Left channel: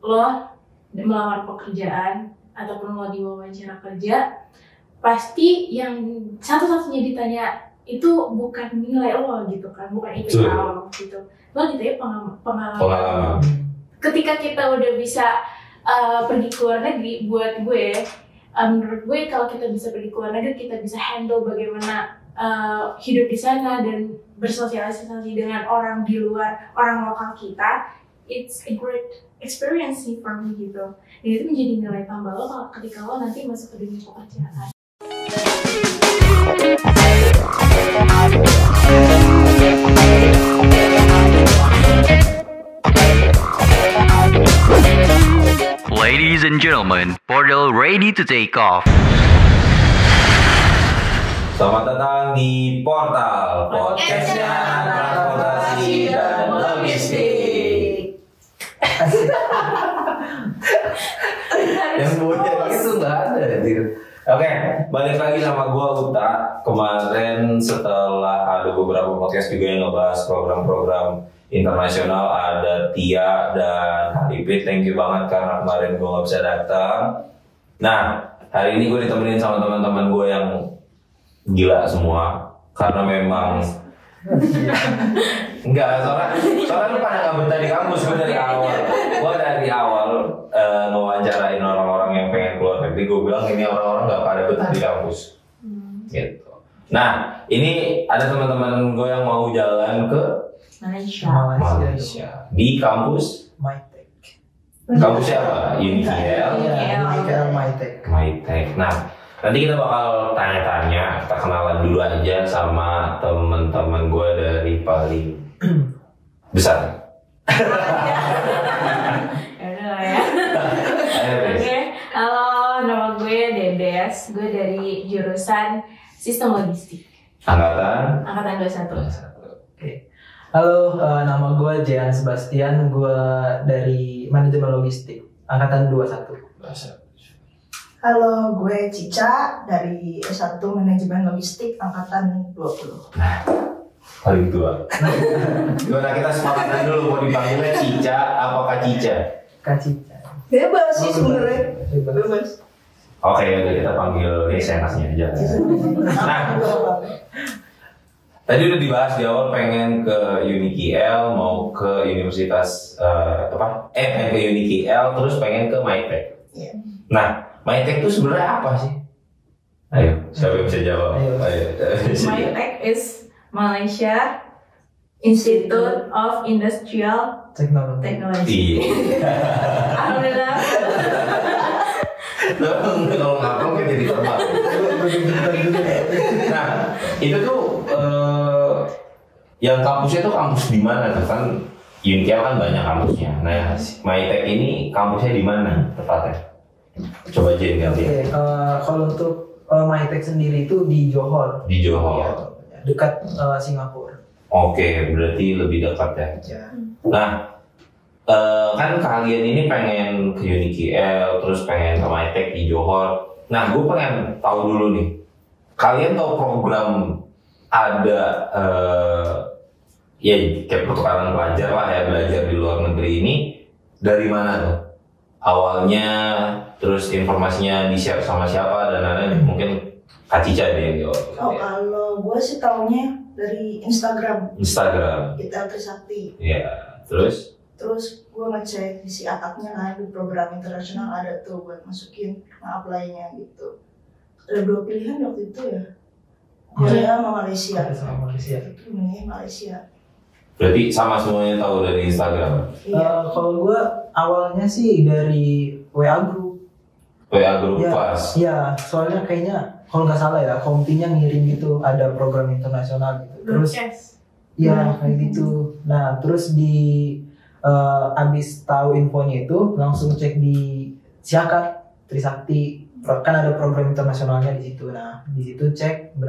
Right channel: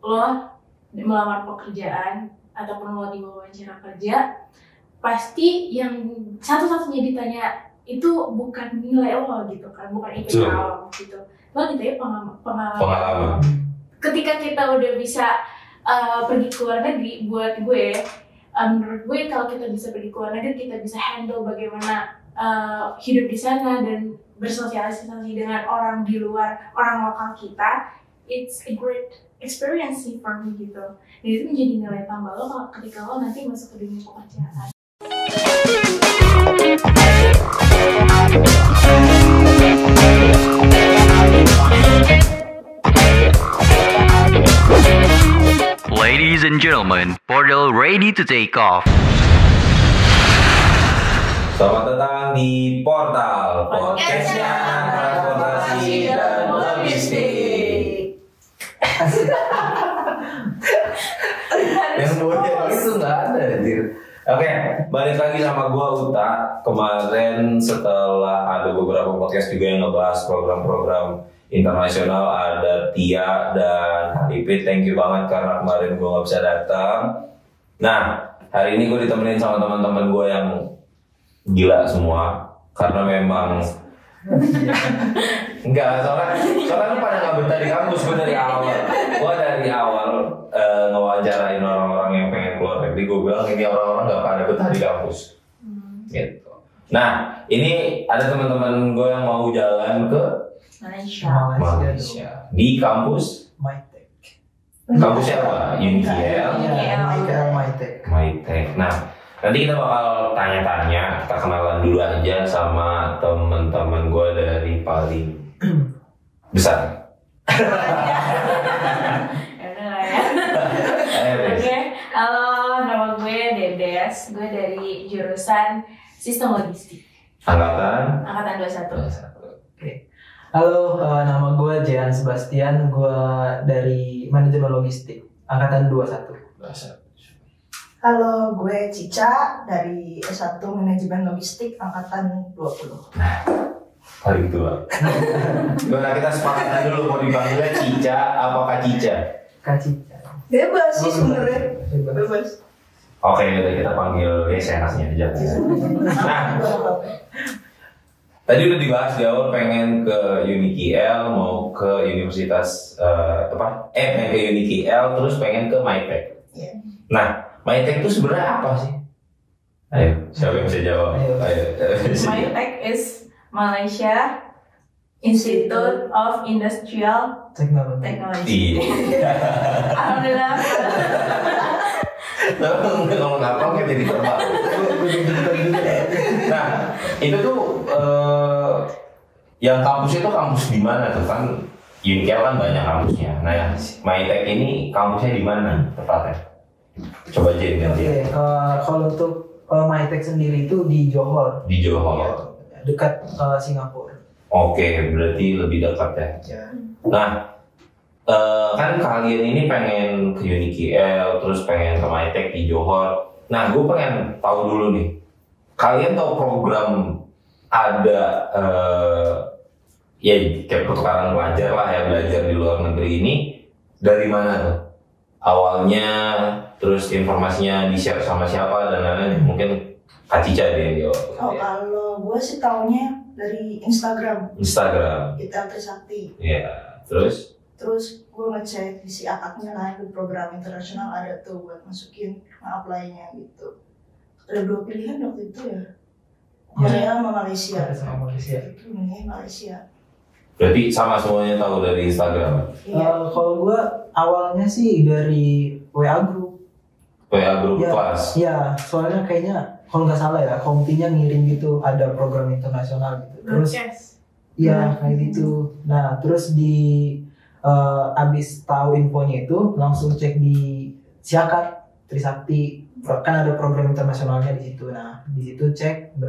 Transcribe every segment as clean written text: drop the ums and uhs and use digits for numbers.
lo melamar pekerjaan ataupun lo diwawancara kerja, pasti yang satu-satunya ditanya itu bukan nilai lo gitu kan, bukan IPK lo gitu. Lo ditanya pengalaman. Ketika kita udah bisa pergi ke luar negeri, buat gue, menurut gue kalau kita bisa pergi ke luar negeri, kita bisa handle bagaimana hidup di sana dan bersosialisasi dengan orang di luar, orang lokal kita. It's a great experience sih for me gitu. Dan itu menjadi nilai tambah lo ketika lo nanti masuk ke dunia pekerjaan. Ladies and gentlemen, portal ready to take off. Selamat datang di Portal Podcastnya Transportasi dan Logistik. Yang punya itu nggak ada gitu. Oke, balik lagi sama gue Uta. Kemarin setelah ada beberapa podcast juga yang ngebahas program-program internasional, ada Tia dan Haripit. Thank you banget karena kemarin gue nggak bisa datang. Nah, hari ini gue ditemenin sama teman-teman gue yang gila semua karena memang enggak, soalnya pada nggak betah di kampus. Gue dari awal ngewawancarain orang-orang yang pengen keluar negeri, gue bilang ini orang-orang nggak pada betah di kampus gitu. Nah, ini ada teman-teman gue yang mau jalan ke Malaysia di kampus Mytek. Kampusnya apa? UNIKL. Mytek. Nah, nanti kita bakal tanya-tanya, kita kenalan dulu aja sama teman-teman gue dari paling besar. Oke, halo, nama gue Dedes, gue dari jurusan Sistem Logistik. Angkatan 21. Oke. Halo, nama gue Jean Sebastian, gue dari Manajemen Logistik, Angkatan 21. Halo, gue Cica dari S1 Manajemen Logistik Angkatan 20. paling tua. Gimana kita sepakatan dulu mau dipanggilnya Cica apakah Cica? Kak Cica. Bebas sih sebenarnya. Bebas. Oke, udah kita panggil guys enaknya aja. Nah, tadi udah dibahas di awal pengen ke UNIKL, mau ke universitas ke UNIKL, terus pengen ke Mytek. Iya. Nah, Mytek itu sebenarnya apa sih? Ayo, siapa yang bisa jawab? Ayo. Mytek is Malaysia Institute of Industrial Technology. Iya. Alhamdulillah. Kalau ngapang kan jadi terbang. Nah, itu tuh yang kampusnya tuh kampus di mana tuh kan? UNIKL kan banyak kampusnya. Nah, yang Mytek ini kampusnya di mana tepatnya? Coba aja lihat. Oke, kalau untuk Mytek sendiri itu di Johor. Di Johor. Ya, dekat Singapura. Oke, berarti lebih dekat ya. Ya. Nah, kan kalian ini pengen ke UNIKL, terus pengen ke Mytek di Johor. Nah, gue pengen tahu dulu nih, kalian tahu program ada ya kayak pertukaran pelajar lah ya, belajar di luar negeri ini dari mana tuh? Awalnya, terus informasinya di-share sama siapa dan lain-lain. Mungkin Kak Cica deh yang jawab. Oh, kalau gue sih taunya dari Instagram. Kita Trisakti. Iya, terus gue ngecek isi akadnya kan, di program internasional ada tuh buat masukin apply-nya gitu. Ada 2 pilihan waktu itu ya. Korea sama Malaysia. Sama Malaysia. Itu ini Malaysia. berarti sama semuanya tahu dari Instagram. Kalau gue awalnya sih dari WA group. WA grup Ya, kelas. iya, soalnya kayaknya kalau nggak salah ya, kompinya ngirim gitu ada program internasional gitu. Terus iya kayak gitu. Nah, terus abis tahu infonya itu langsung cek di Siakat Trisakti, kan ada program internasionalnya di situ. Nah, di situ cek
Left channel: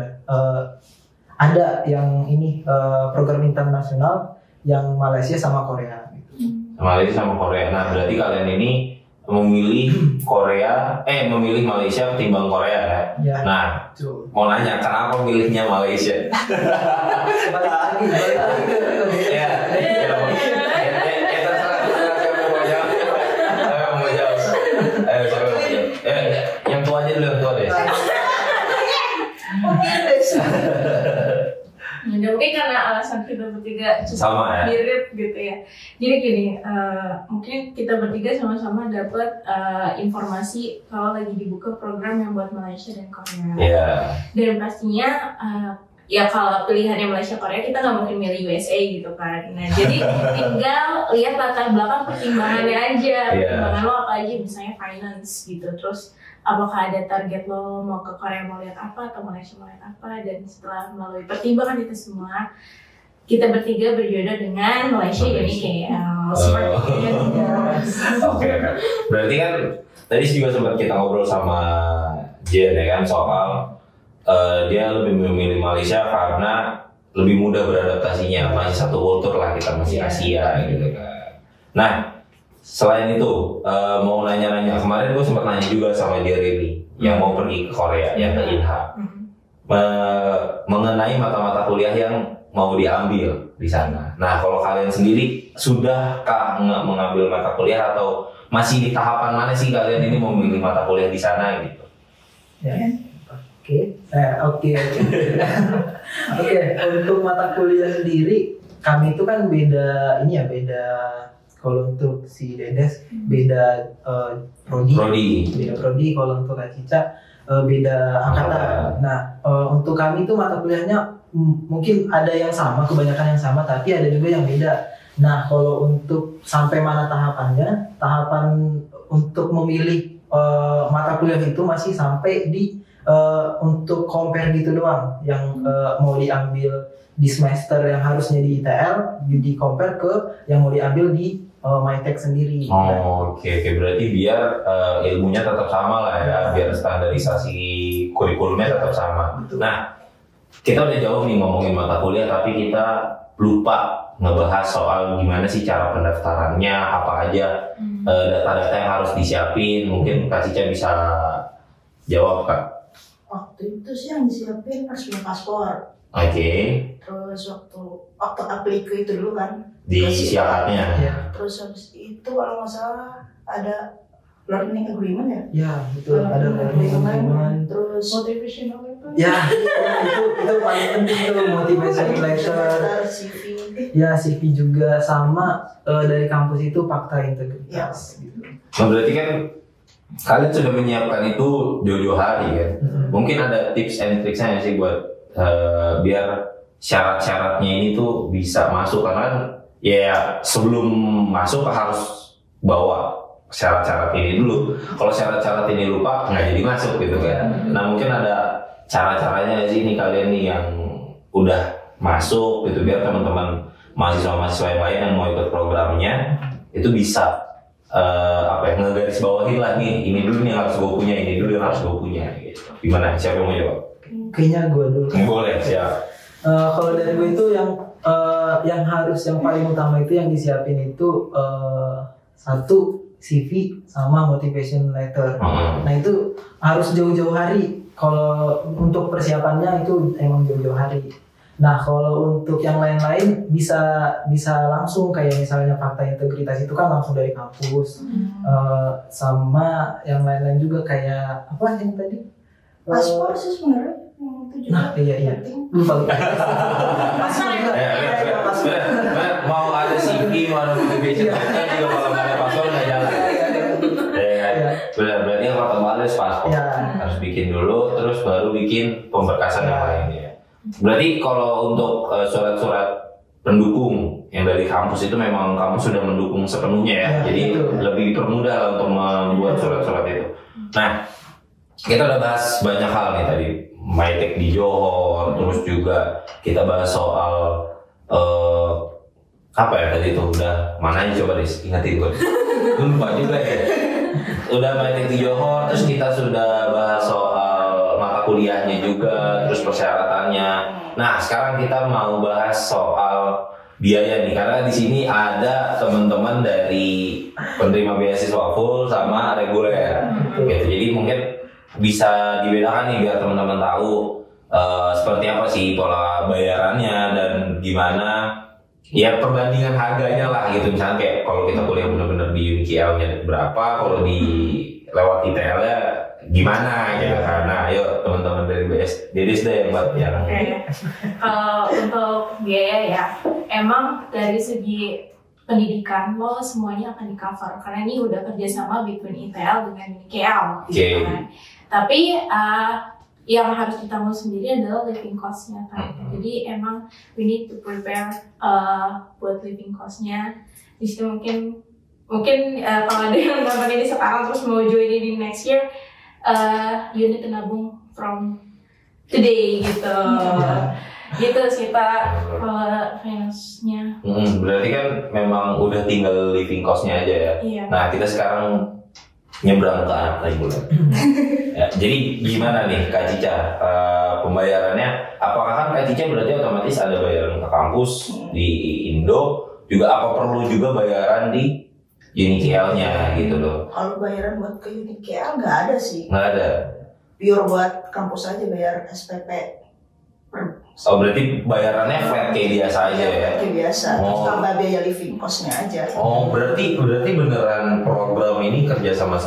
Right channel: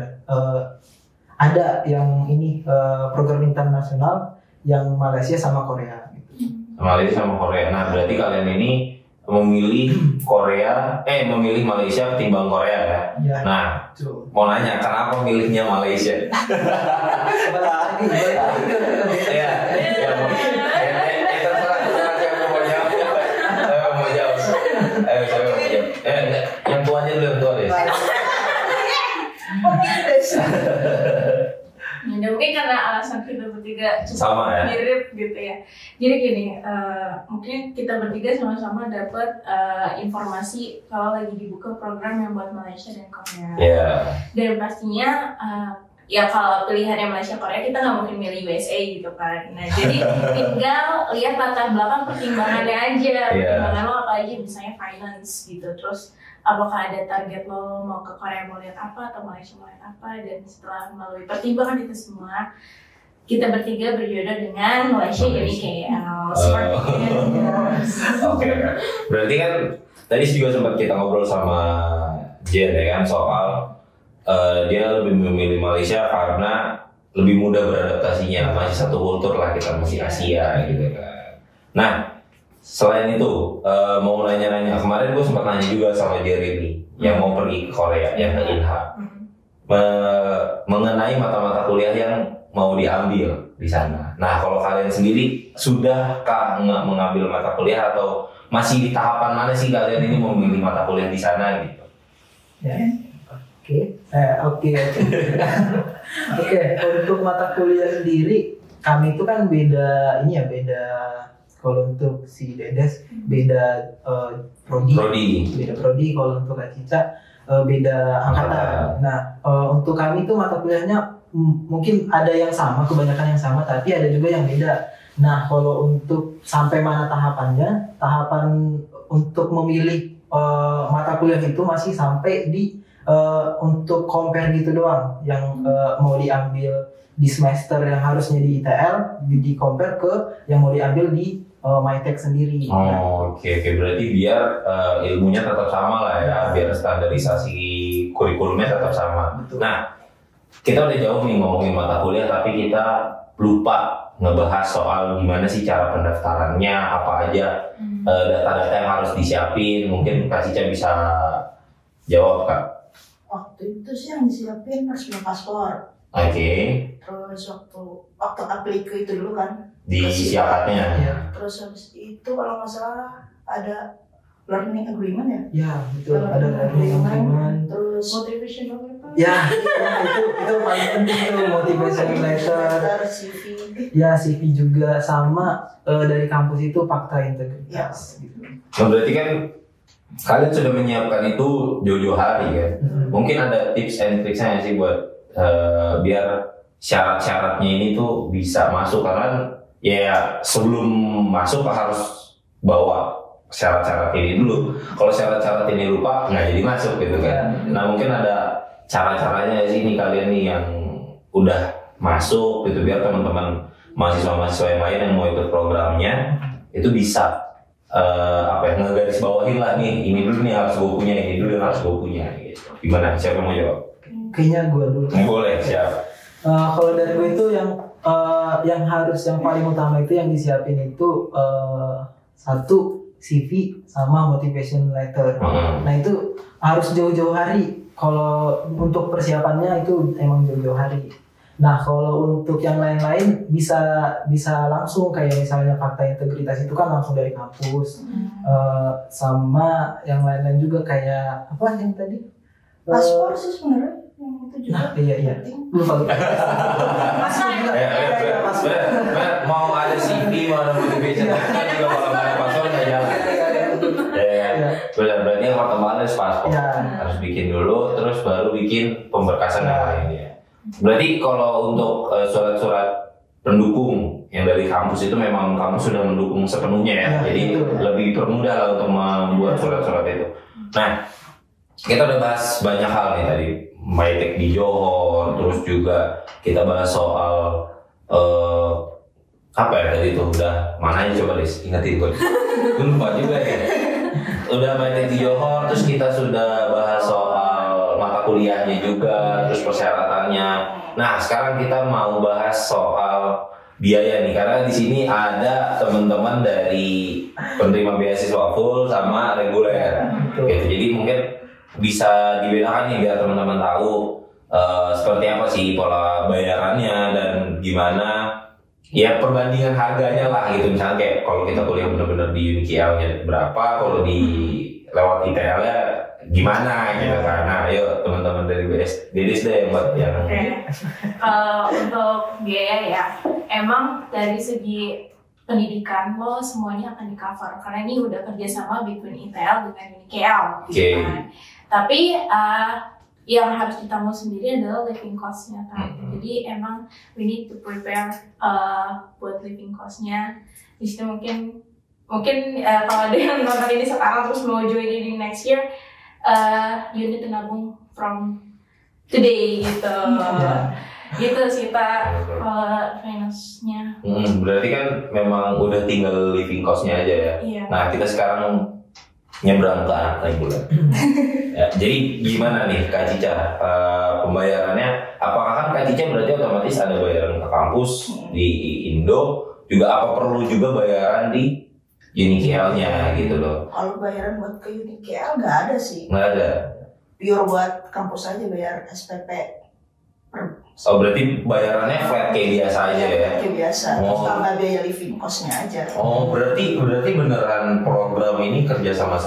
ada yang ini program internasional yang Malaysia sama Korea gitu. Malaysia sama Korea. Nah, berarti kalian ini memilih memilih Malaysia ketimbang Korea ya. Ya. Nah, Tuh. mau nanya kenapa milihnya Malaysia? Iya. Terserah siapa mau jawab. Sama ya. mirip gitu ya. Jadi gini, mungkin kita bertiga sama-sama dapat informasi kalau lagi dibuka program yang buat Malaysia dan Korea. Iya. Dan pastinya ya kalau pilihannya Malaysia Korea kita nggak mungkin milih USA gitu kan. Nah jadi tinggal lihat latar belakang pertimbangannya aja. Pertimbangan lo apa aja, misalnya finance gitu. Terus apakah ada target lo mau ke Korea mau lihat apa atau Malaysia mau lihat apa. Dan setelah melalui pertimbangan itu semua, kita bertiga berjodoh dengan Malaysia jadi KL. Seperti itu. Oke. Berarti kan tadi juga sempat kita ngobrol sama Jen ya kan soal dia lebih memilih Malaysia karena lebih mudah beradaptasinya, masih satu kultur lah, kita masih Asia gitu kan. Nah selain itu mau nanya-nanya, kemarin gue sempat nanya juga sama Jeremy yang mau pergi ke Korea, yang ke Inha, mengenai mata-mata kuliah yang mau diambil di sana. Nah kalau kalian sendiri sudahkah nggak mengambil mata kuliah atau masih di tahapan mana sih kalian ini mau memilih mata kuliah di sana gitu? Ya. Oke. Untuk mata kuliah sendiri, kami itu kan beda kalau untuk si Dedes beda prodi. Beda prodi, kalau untuk Kak Cica beda angkatan. Nah, untuk kami itu mata kuliahnya mungkin ada yang sama, kebanyakan yang sama, tapi ada juga yang beda. Nah, kalau untuk sampai mana tahapannya, tahapan untuk memilih mata kuliah itu masih sampai di untuk compare gitu doang, yang mau diambil di semester yang harusnya di ITL, di compare ke yang mau diambil di MyTech sendiri. Oke. Berarti biar ilmunya tetap sama lah ya, biar standarisasi kurikulumnya tetap sama. Betul. Nah, kita udah jauh nih ngomongin mata kuliah, tapi kita lupa ngebahas soal gimana sih cara pendaftarannya, apa aja data-data yang harus disiapin. Mungkin Kak Cica bisa jawab Kak. Waktu itu sih yang disiapin harus punya paspor. Oke. Terus waktu aplikasi itu dulu kan Di siapatnya. Ya. terus habis itu kalau nggak salah ada learning agreement ya. Ya, betul. Ada learning agreement. Terus Motivational itu. Ya, itu paling penting tuh, motivation letter. CV. Ya, CV juga, sama dari kampus itu fakta integritas gitu. Berarti kan kalian sudah menyiapkan itu jauh-jauh hari kan. Mungkin ada tips and tricksnya sih buat biar syarat-syaratnya ini tuh bisa masuk, karena ya sebelum masuk harus bawa syarat-syarat ini dulu. Kalau syarat-syarat ini lupa nggak jadi masuk gitu kan. Nah mungkin ada cara-caranya sih nih kalian nih yang udah masuk gitu, biar teman-teman mahasiswa-mahasiswa yang lain yang mau ikut programnya itu bisa ngegaris bawahin lah nih, ini dulu nih harus gue punya, ini dulu yang harus gue punya gitu. Gimana? Siapa yang mau jawab? Kayaknya gue dulu. Boleh, siap. Kalau dari gue itu yang paling utama itu yang disiapin itu satu CV sama motivation letter. Nah itu harus jauh-jauh hari. Kalau untuk persiapannya itu emang jauh-jauh hari. Nah kalau untuk yang lain-lain bisa langsung, kayak misalnya fakta integritas itu kan langsung dari kampus. Sama yang lain-lain juga kayak apa yang tadi? Paspor sih sebenarnya itu juga. Nah iya. Lupa. Mau ada CV, mau ada motivation letter juga kalau nggak ada paspor nggak jalan. Berarti yang pertama harus paspor, harus bikin dulu, terus baru bikin pemberkasan yang lainnya. Berarti kalau untuk surat-surat pendukung yang dari kampus itu memang kampus sudah mendukung sepenuhnya ya, jadi lebih permudah lah untuk membuat surat-surat itu. Nah, kita udah bahas banyak hal nih tadi, MyTech di Johor, terus juga kita bahas soal apa ya tadi itu, udah mana aja coba deh ingetin gue lupa juga ya. Udah MyTech di Johor, terus kita sudah bahas soal mata kuliahnya juga, terus persyaratannya. Nah sekarang kita mau bahas soal biaya nih, karena di sini ada teman-teman dari penerima beasiswa full sama reguler gitu. Jadi mungkin bisa dibedakan nih biar teman-teman tahu seperti apa sih pola bayarannya dan gimana ya perbandingan harganya lah gitu. Misalnya kayak kalau kita kuliah benar-benar di UNIKL nya berapa, kalau di lewat ITL nya gimana gitu kan. Nah, ayo teman-teman dari Dedis deh yang buat yang untuk biaya ya, emang dari segi pendidikan lo semuanya akan di cover karena ini udah kerjasama between ITL dengan UNIKL gitu kan. Tapi yang harus ditanggung sendiri adalah living cost-nya kan. Jadi emang we need to prepare buat living cost-nya. Di situ mungkin kalau ada yang nonton ini sekarang terus mau join ini next year, you need to nabung from today gitu. Gitu sih Pak, finance-nya. Berarti kan memang udah tinggal living cost-nya aja ya. Iya. Nah, kita sekarang nyebrang ke anak naik bulan. Ya, jadi gimana nih Kak Cica, pembayarannya? Apakah kan Kak Cica berarti otomatis ada bayaran ke kampus di Indo, juga apa perlu juga bayaran di UNIKL-nya gitu loh? Kalau bayaran buat ke UNIKL nggak ada sih. Nggak ada. Pure buat kampus aja bayar SPP. Oh, berarti bayarannya flat kayak biasa aja ya? Kayak biasa, Oh. tambah biaya living cost-nya aja. Oh, berarti beneran program ini kerja sama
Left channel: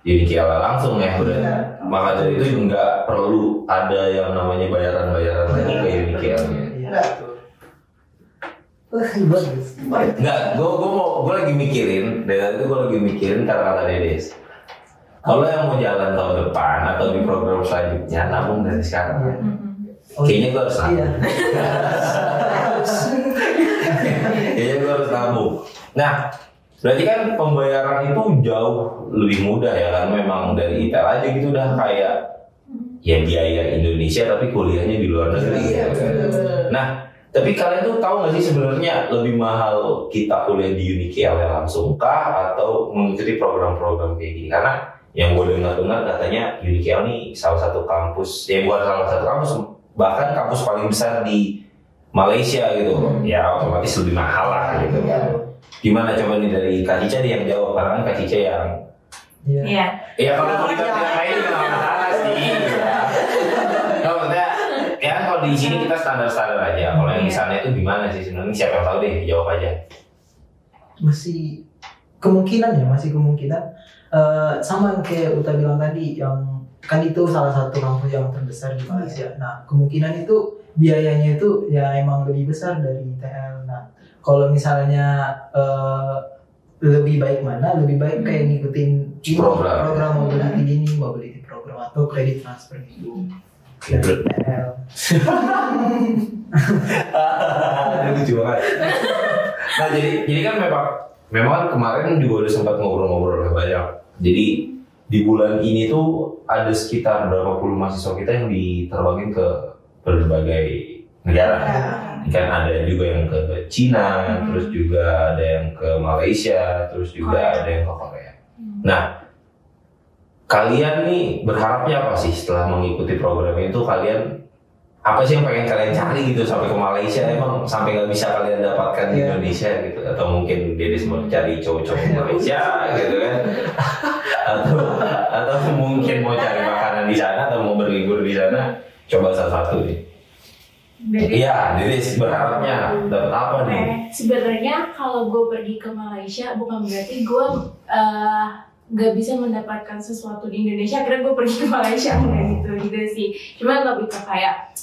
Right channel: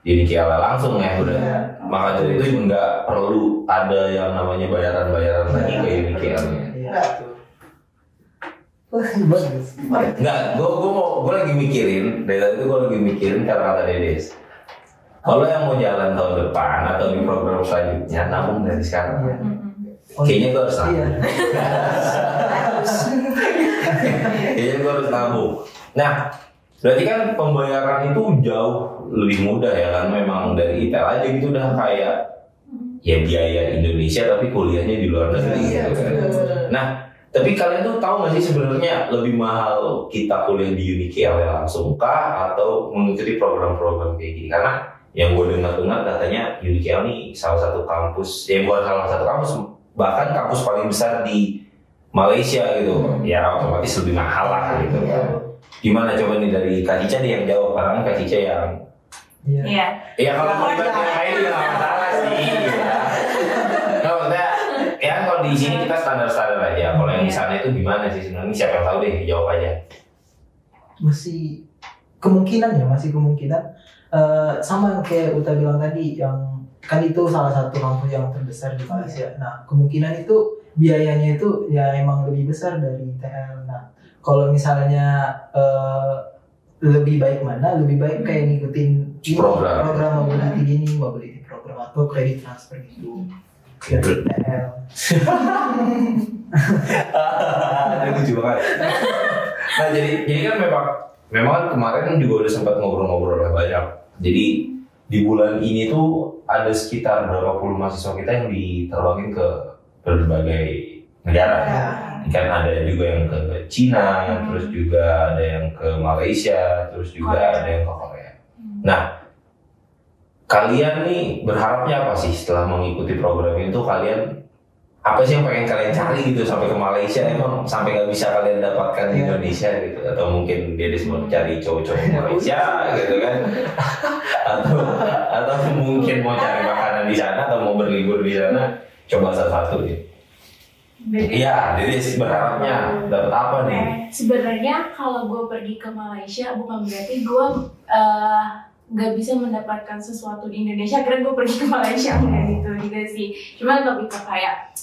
UNIKL langsung ya berarti? Iya. Maka dari itu nggak perlu ada yang namanya bayaran-bayaran lagi ke UNIKL-nya. Enggak. Bagus. Nggak, gue lagi mikirin, dari tadi gue lagi mikirin kata-kata Dedes. Kalau yang mau jalan tahun depan atau di program selanjutnya, nabung dari sekarang. Iya. Kayaknya gue harus nabung. Iya. Kayaknya gue harus nabung. Nah, berarti kan pembayaran itu jauh lebih mudah ya kan? Memang dari ITL aja gitu udah kayak ya biaya Indonesia tapi kuliahnya di luar negeri. Iya, gitu kan. Nah, tapi kalian tuh tahu nggak sih sebenarnya lebih mahal kita kuliah di UNIKL yang langsung kah atau mengikuti program-program kayak gini? Karena yang gue dengar katanya UNIKL ini salah satu kampus, ya bukan salah satu kampus, bahkan kampus paling besar di Malaysia gitu. Ya otomatis lebih mahal lah gitu kan. Gimana coba nih dari Kak Cica nih yang jawab, karena kan Kak Cica yang Iya. Iya. ya kalau mau ikut yang lain juga nggak masalah sih. Nggak, maksudnya ya kalau di sini kita standar aja. Kalau yang di sana itu gimana sih sebenarnya? Siapa yang tahu deh, jawab aja. Masih kemungkinan sama yang kayak Uta bilang tadi, yang kan itu salah satu kampus yang terbesar di Malaysia. Nah, kemungkinan itu biayanya itu ya emang lebih besar dari ITL. Nah, kalau misalnya lebih baik mana? Lebih baik kayak ngikutin ini, program mobility gini, mobility program atau kredit transfer gitu dari ITL. Lucu banget. Nah, jadi kan memang kemarin juga udah sempat ngobrol-ngobrol lah banyak. Jadi di bulan ini tuh ada sekitar berapa puluh mahasiswa kita yang diterbangin ke berbagai negara. Kan ada juga yang ke Cina, terus juga ada yang ke Malaysia, terus juga ada yang ke Korea. Nah, kalian nih berharapnya apa sih setelah mengikuti program itu? Kalian apa sih yang pengen kalian cari gitu sampai ke Malaysia? Emang sampai nggak bisa kalian dapatkan di Indonesia gitu? Atau mungkin dia mau cari cowok-cowok Malaysia gitu kan? atau mungkin mau cari makanan di sana atau mau berlibur di sana? Coba salah satu nih. Iya, jadi berharapnya dapat apa nih? Sebenarnya kalau gue pergi ke Malaysia bukan berarti gue nggak bisa mendapatkan sesuatu di Indonesia. Akhirnya gue pergi ke Malaysia kayak gitu sih. Cuman lebih ke kayak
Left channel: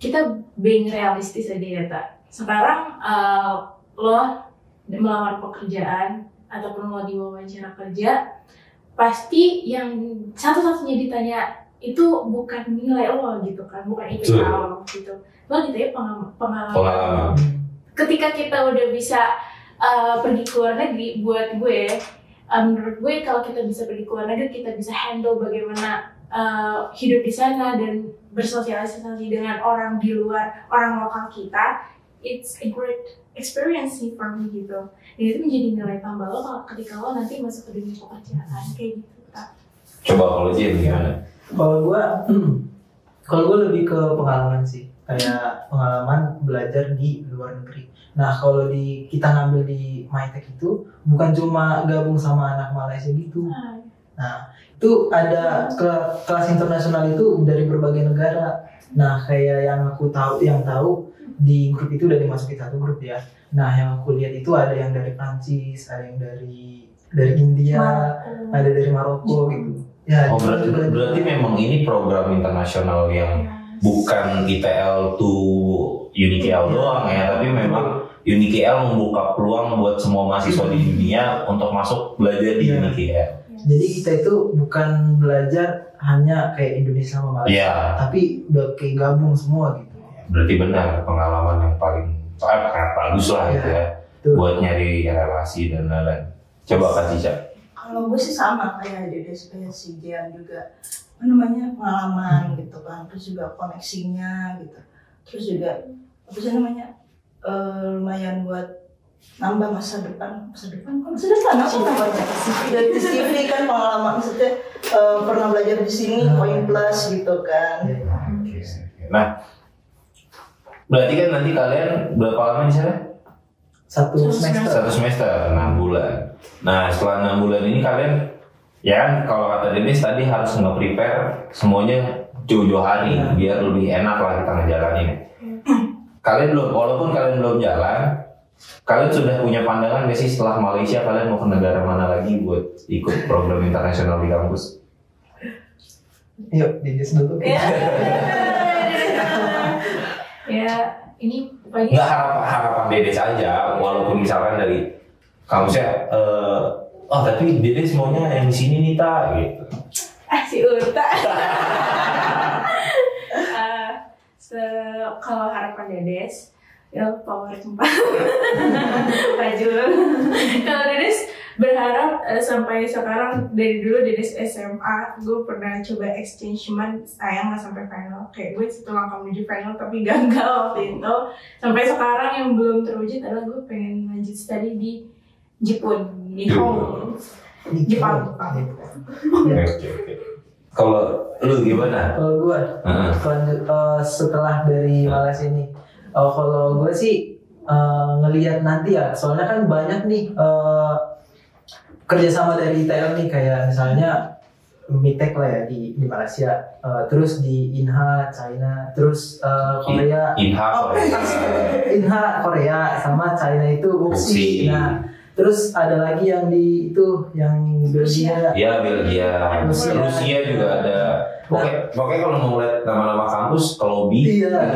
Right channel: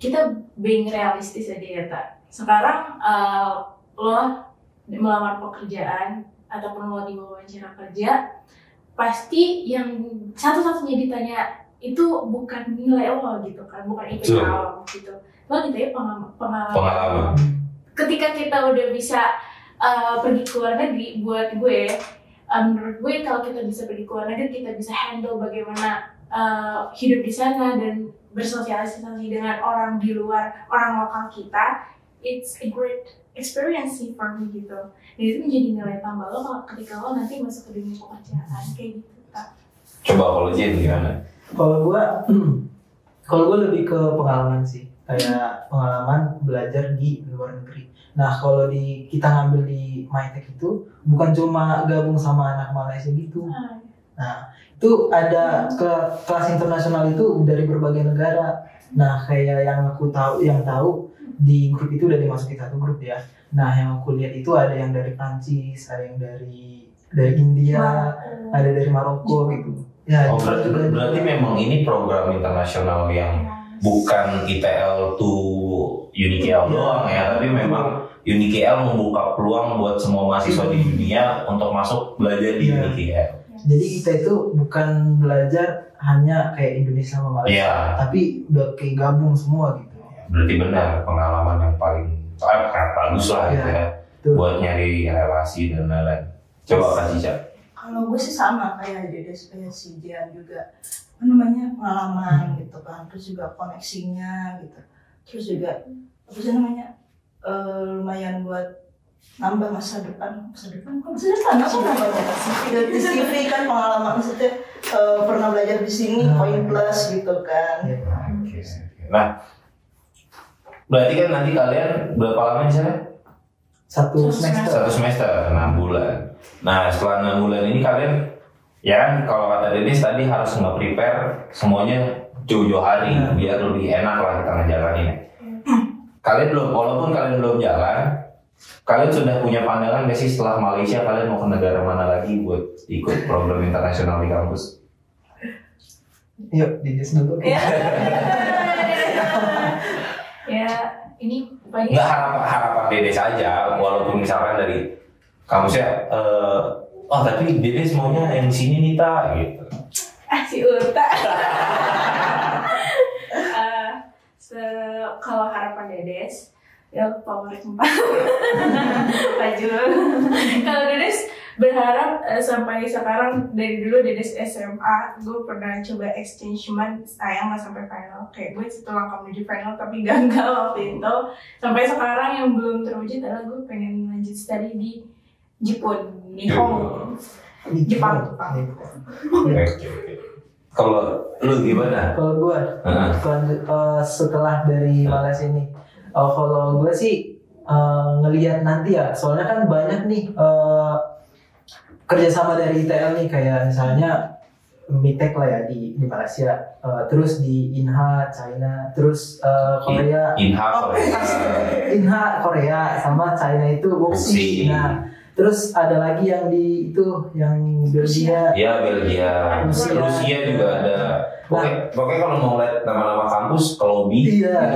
kita being realistis aja ya tak. Sekarang lo melawan pekerjaan ataupun lo diwawancara kerja, pasti yang satu-satunya ditanya itu bukan nilai lo gitu kan, bukan IPK lo gitu. Lo ditanya pengalaman. Ketika kita udah bisa pergi ke luar negeri, buat gue, menurut gue kalau kita bisa pergi ke luar negeri, kita bisa handle bagaimana hidup di sana dan bersosialisasi dengan orang di luar, orang lokal kita. It's a great experience sih for me gitu. Dan itu menjadi nilai tambah lo ketika lo nanti masuk ke dunia pekerjaan kayak gitu. Coba kalau Jen gimana? Kalau gue lebih ke pengalaman sih, kayak pengalaman belajar di luar negeri. Nah, kalau kita ngambil di MyTech itu bukan cuma gabung sama anak Malaysia gitu. Nah, itu ada kelas internasional itu dari berbagai negara. Nah, kayak yang tahu di grup itu udah dimasukin satu grup ya. Nah, yang aku lihat itu ada yang dari Prancis, ada yang dari India, ada dari Maroko gitu. Ya, Oh, Jepang juga. berarti memang ini program internasional yang bukan ITL to UNIKL doang ya, tapi memang UNIKL membuka peluang buat semua mahasiswa di dunia untuk masuk belajar di Iya. UNIKL. Jadi kita itu bukan belajar hanya kayak Indonesia sama Malaysia, Iya. tapi udah kayak gabung semua gitu. Berarti benar pengalaman yang paling bagus lah gitu ya, Tuh. buat nyari relasi dan lain-lain. Coba Kak Cica. Kalau gue sih sama kayak Dedes, kayak si Dian juga, apa namanya, pengalaman gitu kan, terus juga koneksinya gitu, terus juga apa sih namanya, lumayan buat nambah masa depan apa namanya, di CV kan pengalaman, maksudnya pernah belajar di sini, poin plus gitu kan. Oke. Nah, berarti kan nanti kalian berapa lama di sana? Satu Satu semester. 1 semester, 6 bulan. Nah, setelah 6 bulan ini kalian, ya kan, kalau kata Denis tadi harus nge-prepare semuanya jauh-jauh hari biar lebih enak lah kita ngejalanin. Kalian belum, walaupun kalian belum jalan, kalian sudah punya pandangan nggak sih setelah Malaysia kalian mau ke negara mana lagi buat ikut program internasional di kampus? Yuk, Dides dulu. Ya, ini pokoknya Nggak harapan Dedes aja, walaupun misalkan dari kampusnya, tapi Dedes maunya yang di sini nih tak, gitu. si Uta. Kalau harapan Dedes, ya power 4. Pak Jul. Kalau Dedes berharap sampai sekarang, dari dulu Dedes SMA, gue pernah coba exchange, cuman sayang nggak sampai final. Kayak gue satu langkah menuju final tapi gagal waktu itu. Sampai sekarang yang belum terwujud adalah gue pengen lanjut studi di Jepun, Nihon, Jepang. Oke. Kalau lu gimana? Kalau gue setelah dari Malaysia ini, kalau gue sih ngelihat nanti ya, soalnya kan banyak nih kerjasama dari ITL nih, kayak misalnya Mitek lah ya di Malaysia, terus di Inha China, terus Korea, Inha Korea sama China itu Wuxi. Nah, terus ada lagi yang di itu yang Belgia. Ya, Belgia, Rusia juga ada. Pokoknya kalau mau lihat nama-nama kampus, ke lobby. Iya.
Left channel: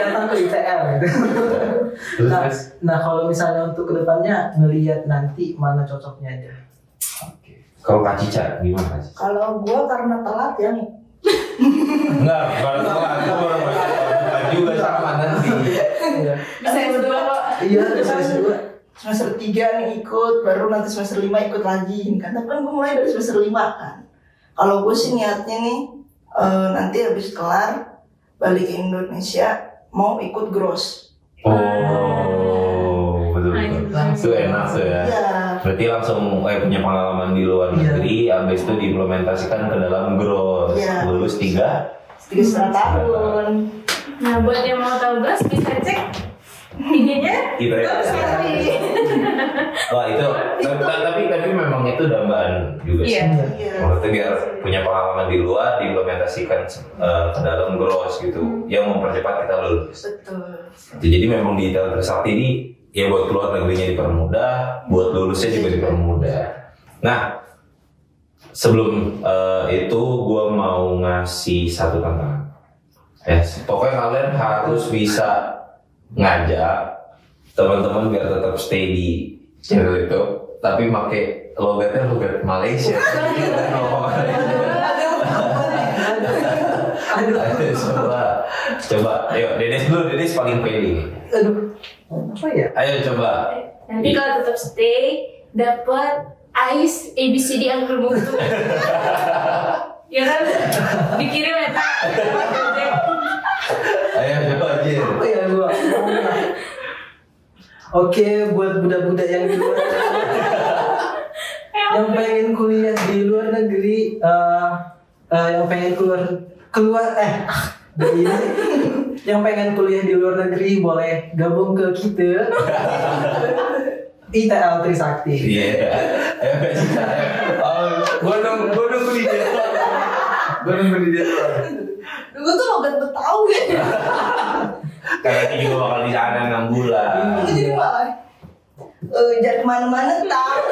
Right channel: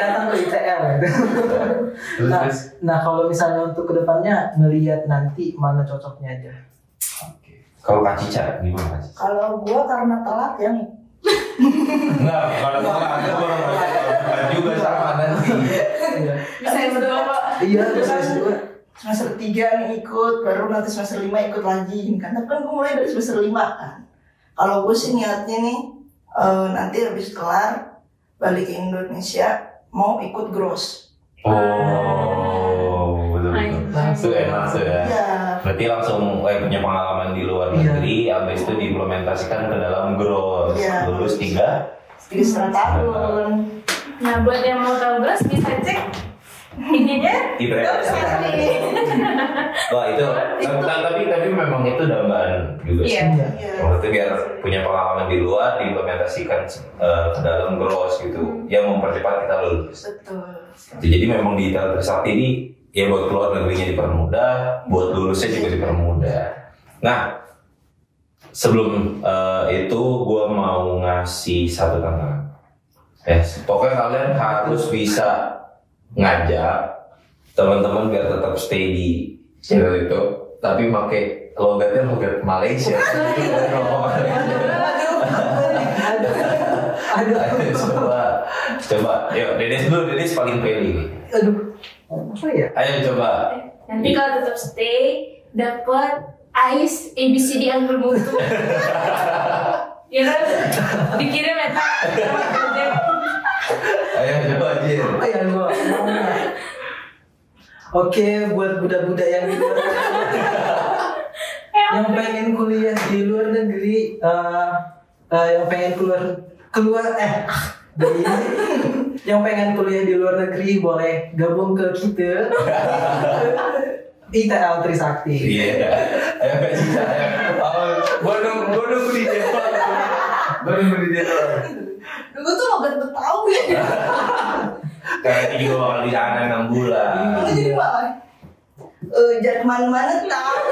Datang ke ITL gitu. Nah, kalau misalnya untuk kedepannya ngelihat nanti mana cocoknya aja. Kalau Kak Cica gimana? Kalau gue karena telat ya nih. Enggak, bukan juga sama nanti. Bisa S2 kok. Iya, bisa S2. Semester 3 nih ikut, baru nanti semester 5 ikut lagi kan. Tapi kan gue mulai dari semester 5 kan. Kalau gue sih niatnya nih, nanti habis kelar balik ke Indonesia mau ikut gross. Oh, betul. Itu enak tuh ya. Iya. Berarti langsung punya pengalaman di luar negeri, habis itu diimplementasikan ke dalam gross. Iya. Lulus 3,5 tahun. Nah, buat yang mau tahu Gross bisa cek IG-nya. Wah itu, tapi memang itu dambaan juga sih. Iya. Iya. Berarti biar punya pengalaman di luar, diimplementasikan ke dalam gross gitu, yang mempercepat kita lulus. Betul. Jadi memang di ITL Trisakti ini, ya buat keluar negerinya dipermudah, buat lulusnya juga dipermudah. Nah, sebelum itu gue mau ngasih satu tantangan. Pokoknya kalian harus bisa ngajak teman-teman biar tetap stay di channel itu, tapi pakai logatnya logat Malaysia. Coba, ayo Dedes dulu, Dedes paling pede. Aduh, apa ya? Ayo coba. Nanti kalau tetap stay, dapat AIS ABCD Angkul Mutu. Ya kan? Dikirim ya, tak? Ayo coba aja. Apa ya gua? Oke, buat budak-budak yang di luar yang pengen kuliah di luar negeri, yang pengen yang pengen kuliah di luar negeri boleh gabung ke kita ITL Trisakti. Iya. Gue nunggu di dia. Gue tuh logat Betawi. Kayaknya juga bakal di sana 6 bulan. Gue jadi malah jangan kemana-mana tahu.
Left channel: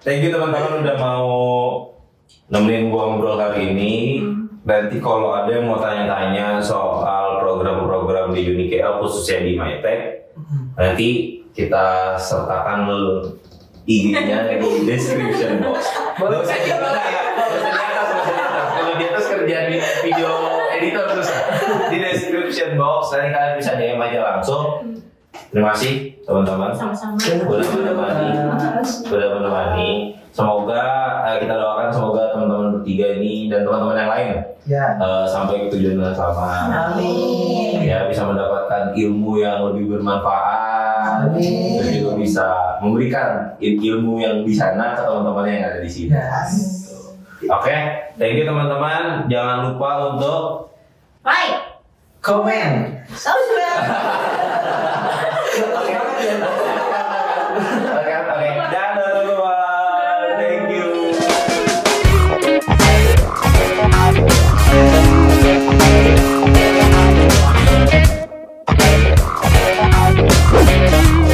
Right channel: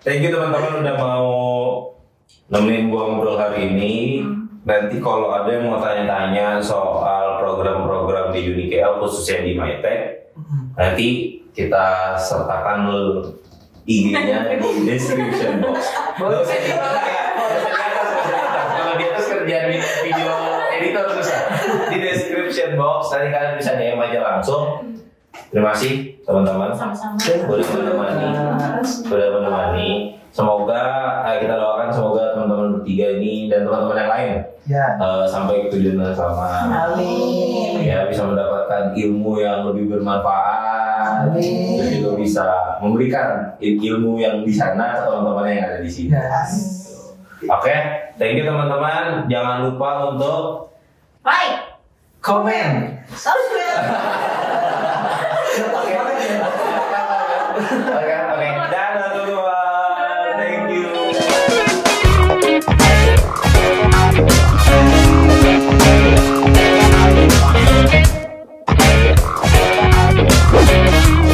Thank you teman-teman udah mau nemenin gua ngobrol hari ini. Nanti kalau ada yang mau tanya-tanya soal program-program di UniKL khususnya di MyTech, nanti kita sertakan IG-nya di description box. Kalau saya kalau di atas kerjaan video editor susah. Di description box nanti kalian bisa DM aja langsung. Terima kasih teman-teman. Sama-sama. Udah menemani. Semoga kita doakan semoga teman-teman bertiga ini dan teman-teman yang lain sampai ke tujuan yang selamat. Amin. Ya bisa mendapatkan ilmu yang lebih bermanfaat. Amin. Dan juga bisa memberikan ilmu yang di sana ke teman-teman yang ada di sini. Oke, thank you teman-teman. Jangan lupa untuk Bye. Komen. Subscribe.